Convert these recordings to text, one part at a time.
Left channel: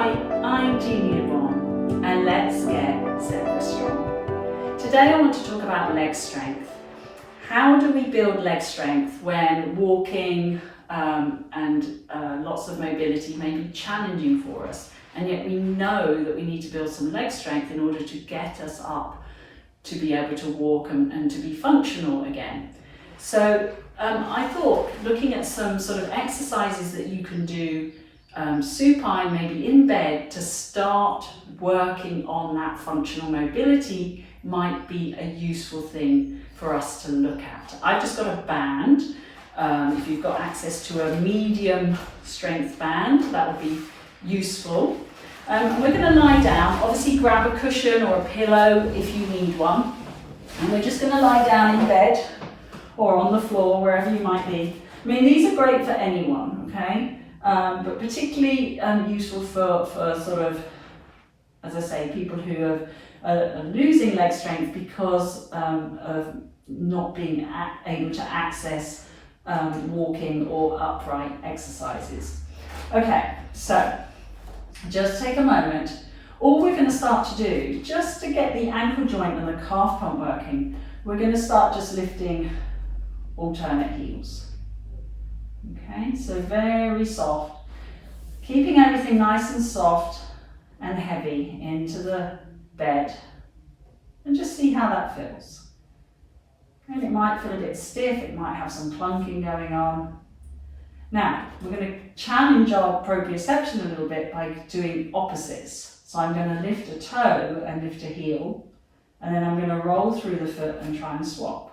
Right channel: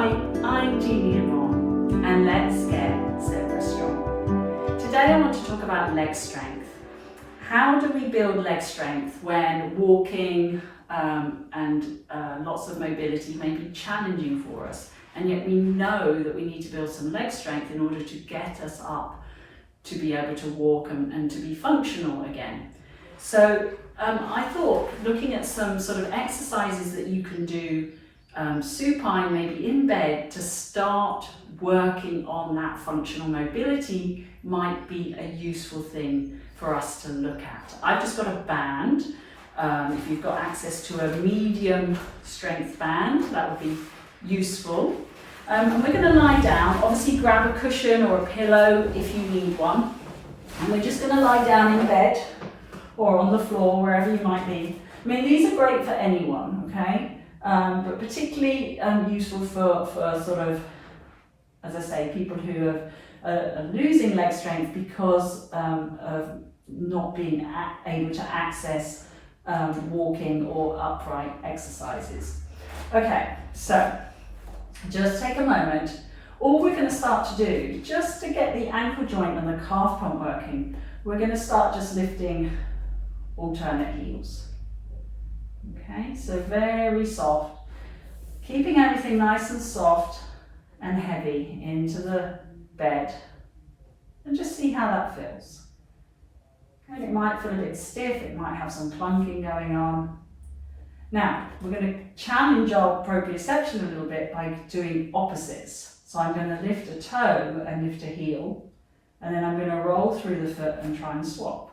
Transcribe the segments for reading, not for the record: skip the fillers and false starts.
Hi, I'm Jeannie and let's get zebra strong. Today I want to talk about leg strength. How do we build leg strength when walking and lots of mobility may be challenging for us, and yet we know that we need to build some leg strength in order to get us up to be able to walk and to be functional again. So I thought, looking at some sort of exercises that you can do supine, maybe in bed, to start working on that functional mobility might be a useful thing for us to look at. I've just got a band. If you've got access to a medium strength band, that would be useful. We're going to lie down. Obviously grab a cushion or a pillow if you need one. And we're just going to lie down in bed or on the floor, wherever you might be. I mean, these are great for anyone, okay? But particularly useful for sort of, as I say, people who are losing leg strength because of not being able to access walking or upright exercises. Okay, so just take a moment. All we're going to start to do, just to get the ankle joint and the calf pump working, we're going to start just lifting alternate heels. Okay, so very soft, keeping everything nice and soft and heavy into the bed, and just see how that feels. And it might feel a bit stiff, it might have some plunking going on. Now, we're going to challenge our proprioception a little bit by doing opposites. So I'm going to lift a toe and lift a heel, and then I'm going to roll through the foot and try and swap.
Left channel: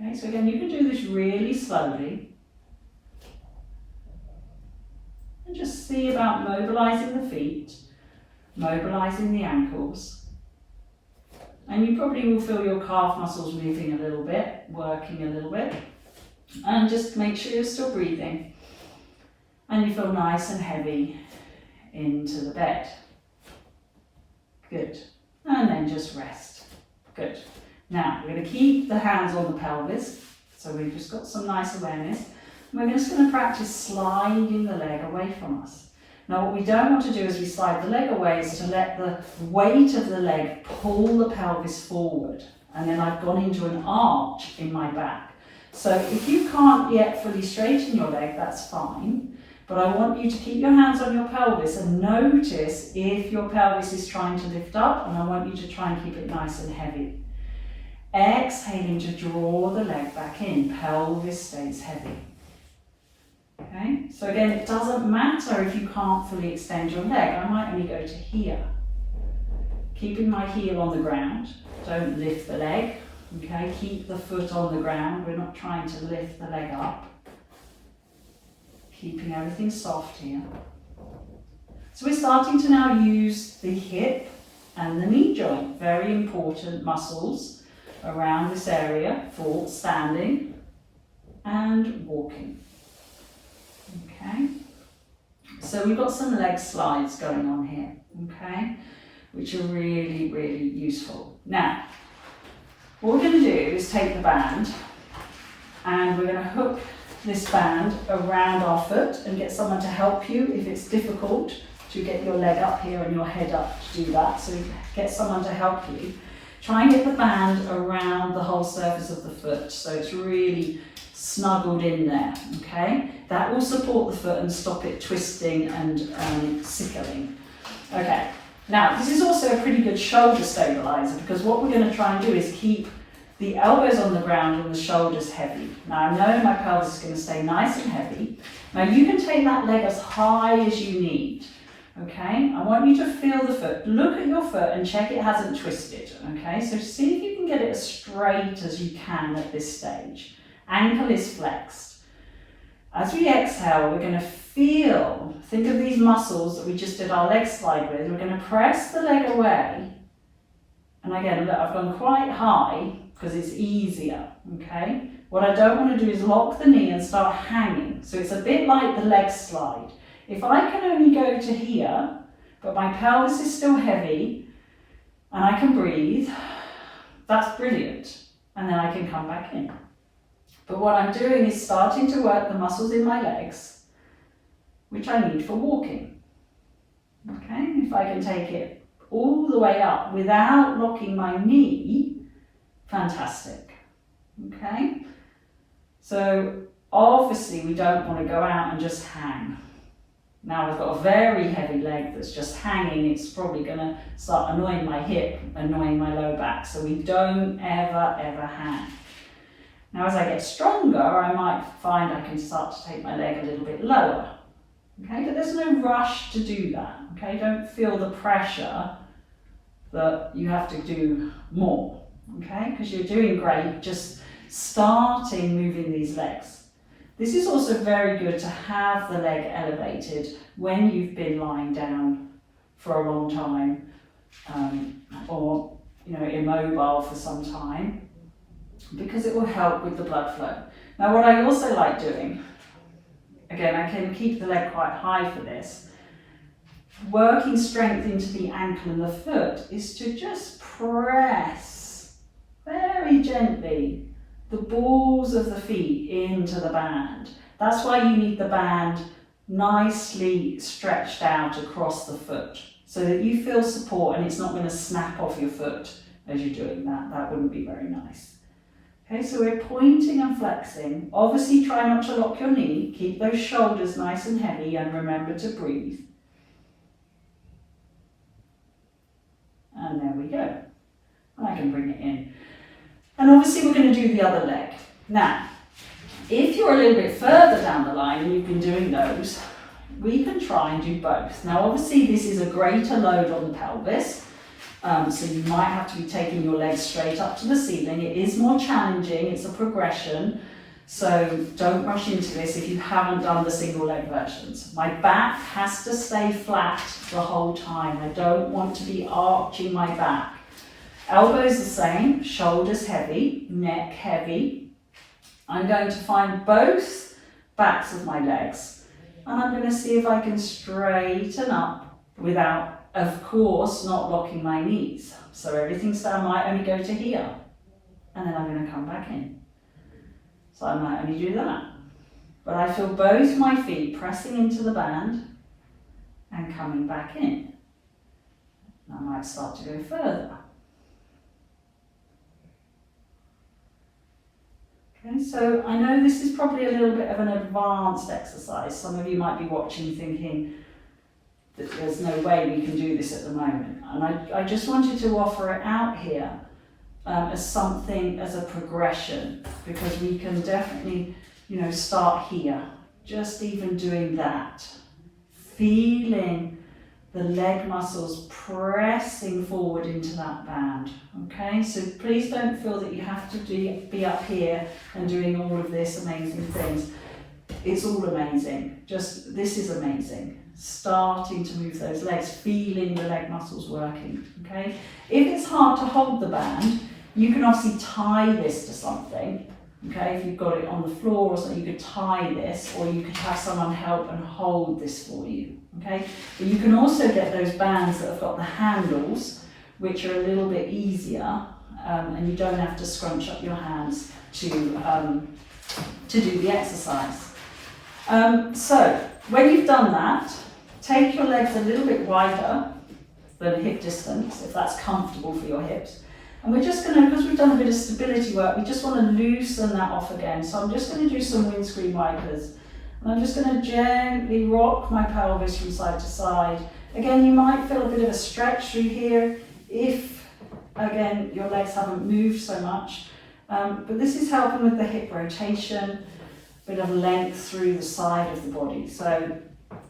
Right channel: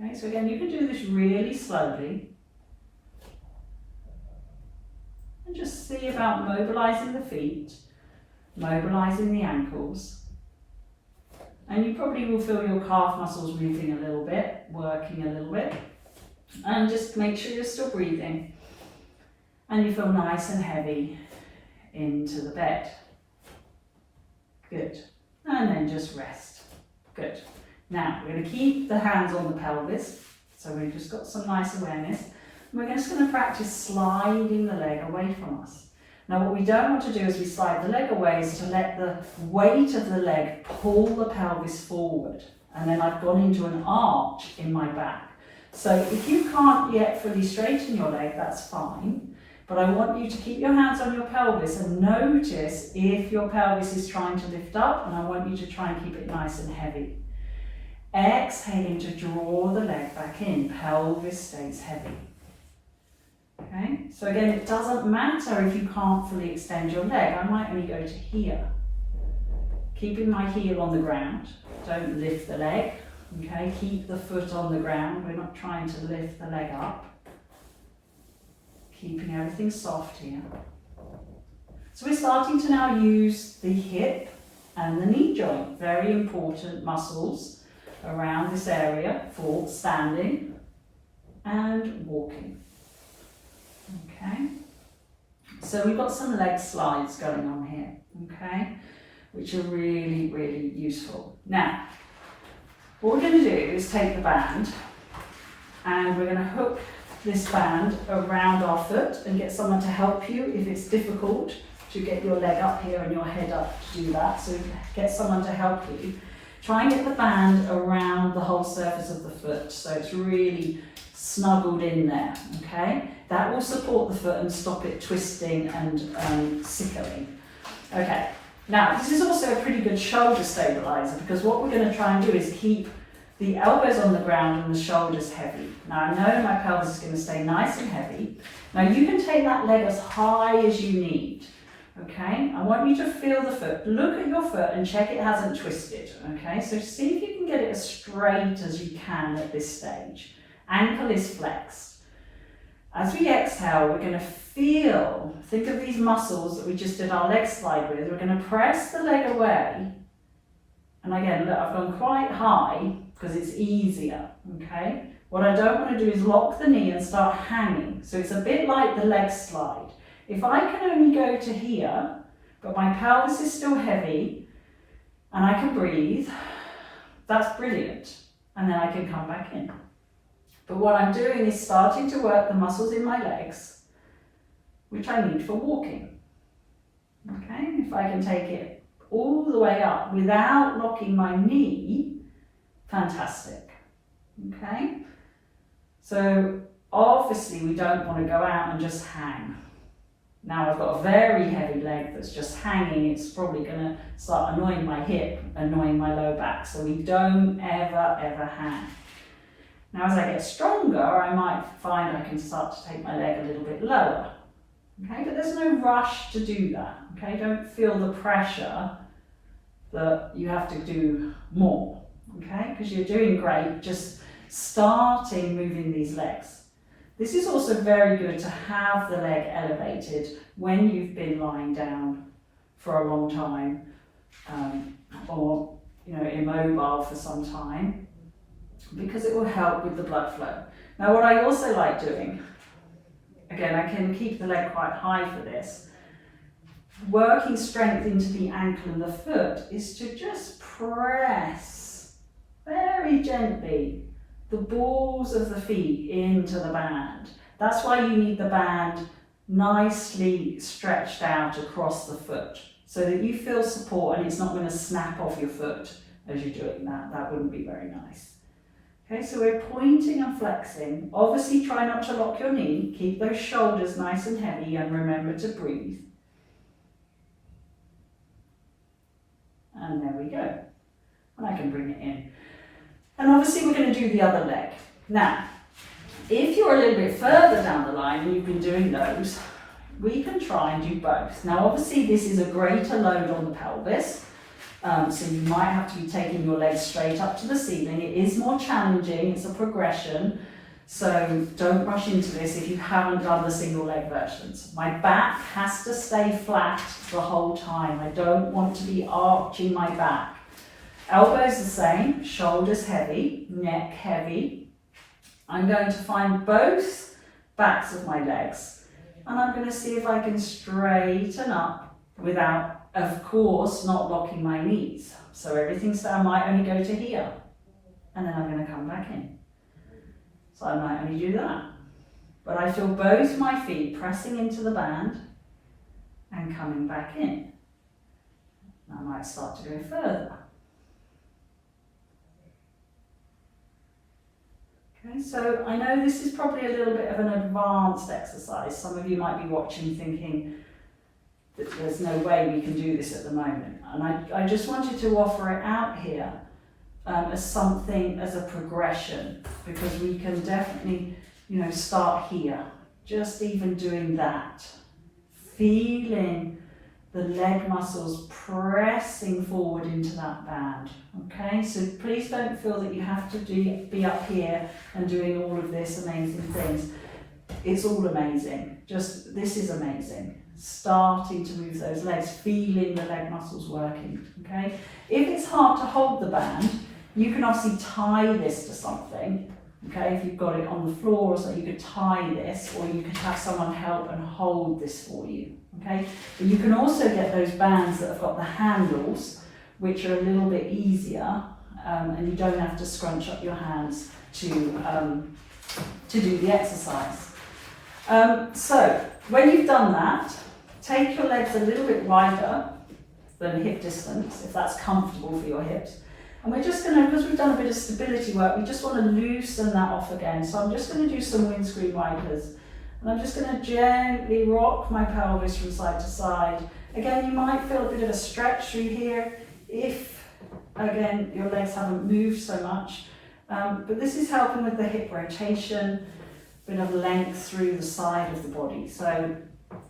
Okay, so again, you can do this really slowly. And just see about mobilizing the feet, mobilizing the ankles. And you probably will feel your calf muscles moving a little bit, working a little bit. And just make sure you're still breathing. And you feel nice and heavy into the bed. Good. And then just rest. Good. Now, we're going to keep the hands on the pelvis, so we've just got some nice awareness. We're just going to practice sliding the leg away from us. Now, what we don't want to do as we slide the leg away is to let the weight of the leg pull the pelvis forward, and then I've gone into an arch in my back. So if you can't yet fully straighten your leg, that's fine, but I want you to keep your hands on your pelvis and notice if your pelvis is trying to lift up, and I want you to try and keep it nice and heavy. Exhaling to draw the leg back in, pelvis stays heavy. Okay, so again, it doesn't matter if you can't fully extend your leg. I might only go to here. Keeping my heel on the ground, don't lift the leg. Okay, keep the foot on the ground. We're not trying to lift the leg up. Keeping everything soft here. So we're starting to now use the hip and the knee joint, very important muscles around this area for standing and walking. Okay, so we've got some leg slides going on here, okay, which are really, really useful. Now, what we're going to do is take the band and we're going to hook this band around our foot and get someone to help you if it's difficult to get your leg up here and your head up to do that. So get someone to help you. Try and get the band around the whole surface of the foot so it's really snuggled in there, okay? That will support the foot and stop it twisting and sickling. Okay, now this is also a pretty good shoulder stabilizer because what we're going to try and do is keep the elbows on the ground and the shoulders heavy. Now I know my pelvis is going to stay nice and heavy. Now you can take that leg as high as you need. Okay, I want you to feel the foot. Look at your foot and check it hasn't twisted. Okay, so see if you can get it as straight as you can at this stage. Ankle is flexed. As we exhale, we're going to feel, think of these muscles that we just did our leg slide with. We're going to press the leg away. And again, look, I've gone quite high because it's easier. Okay, what I don't want to do is lock the knee and start hanging. So it's a bit like the leg slide. If I can only go to here, but my pelvis is still heavy and I can breathe, that's brilliant. And then I can come back in. But what I'm doing is starting to work the muscles in my legs, which I need for walking. Okay, if I can take it all the way up without locking my knee, fantastic. Okay, so obviously we don't want to go out and just hang. Now I've got a very heavy leg that's just hanging, it's probably going to start annoying my hip, annoying my lower back, so we don't ever hang. Now as I get stronger, I might find I can start to take my leg a little bit lower. Okay, but there's no rush to do that. Okay, don't feel the pressure that you have to do more. Okay, because you're doing great, just starting moving these legs. This is also very good to have the leg elevated when you've been lying down for a long time, or immobile for some time, because it will help with the blood flow. Now what I also like doing, again, I can keep the leg quite high for this, working strength into the ankle and the foot, is to just press very gently the balls of the feet into the band. That's why you need the band nicely stretched out across the foot so that you feel support and it's not going to snap off your foot as you're doing that. That wouldn't be very nice. Okay, so we're pointing and flexing. Obviously try not to lock your knee. Keep those shoulders nice and heavy and remember to breathe. And there we go. And I can bring it in. And obviously we're going to do the other leg. Now, if you're a little bit further down the line and you've been doing those, we can try and do both. Now obviously this is a greater load on the pelvis, so you might have to be taking your legs straight up to the ceiling. It is more challenging, it's a progression, so don't rush into this if you haven't done the single leg versions. My back has to stay flat the whole time. I don't want to be arching my back. Elbows the same, shoulders heavy, neck heavy. I'm going to find both backs of my legs and I'm going to see if I can straighten up without, of course, not locking my knees. So everything's down, might only go to here and then I'm going to come back in. So I might only do that. But I feel both my feet pressing into the band and coming back in. I might start to go further. Okay, so I know this is probably a little bit of an advanced exercise. Some of you might be watching thinking that there's no way we can do this at the moment. And I just wanted to offer it out here as something, as a progression, because we can definitely, start here. Just even doing that, feeling the leg muscles pressing forward into that band. Okay, so please don't feel that you have to be up here and doing all of this amazing things. It's all amazing. Just, this is amazing. Starting to move those legs, feeling the leg muscles working. Okay, if it's hard to hold the band, you can obviously tie this to something. Okay, if you've got it on the floor or something, you could tie this, or you could have someone help and hold this for you. Okay, but you can also get those bands that have got the handles, which are a little bit easier, and you don't have to scrunch up your hands to do the exercise. So when you've done that, take your legs a little bit wider than hip distance, if that's comfortable for your hips. And we're just going to, because we've done a bit of stability work, we just want to loosen that off again. So I'm just going to do some windscreen wipers. And I'm just going to gently rock my pelvis from side to side. Again, you might feel a bit of a stretch through here if, again, your legs haven't moved so much. But this is helping with the hip rotation, a bit of length through the side of the body. So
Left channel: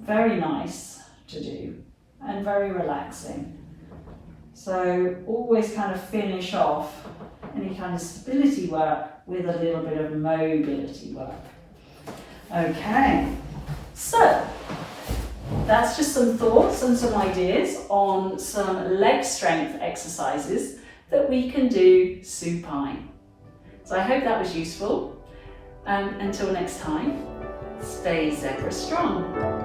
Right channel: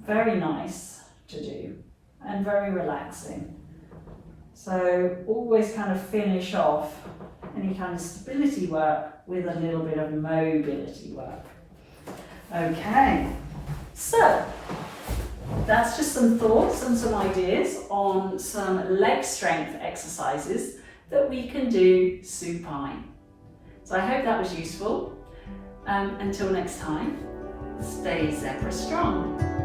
very nice to do and very relaxing. So always kind of finish off any kind of stability work with a little bit of mobility work. Okay, so that's just some thoughts and some ideas on some leg strength exercises that we can do supine. So I hope that was useful. Until next time, stay zebra strong.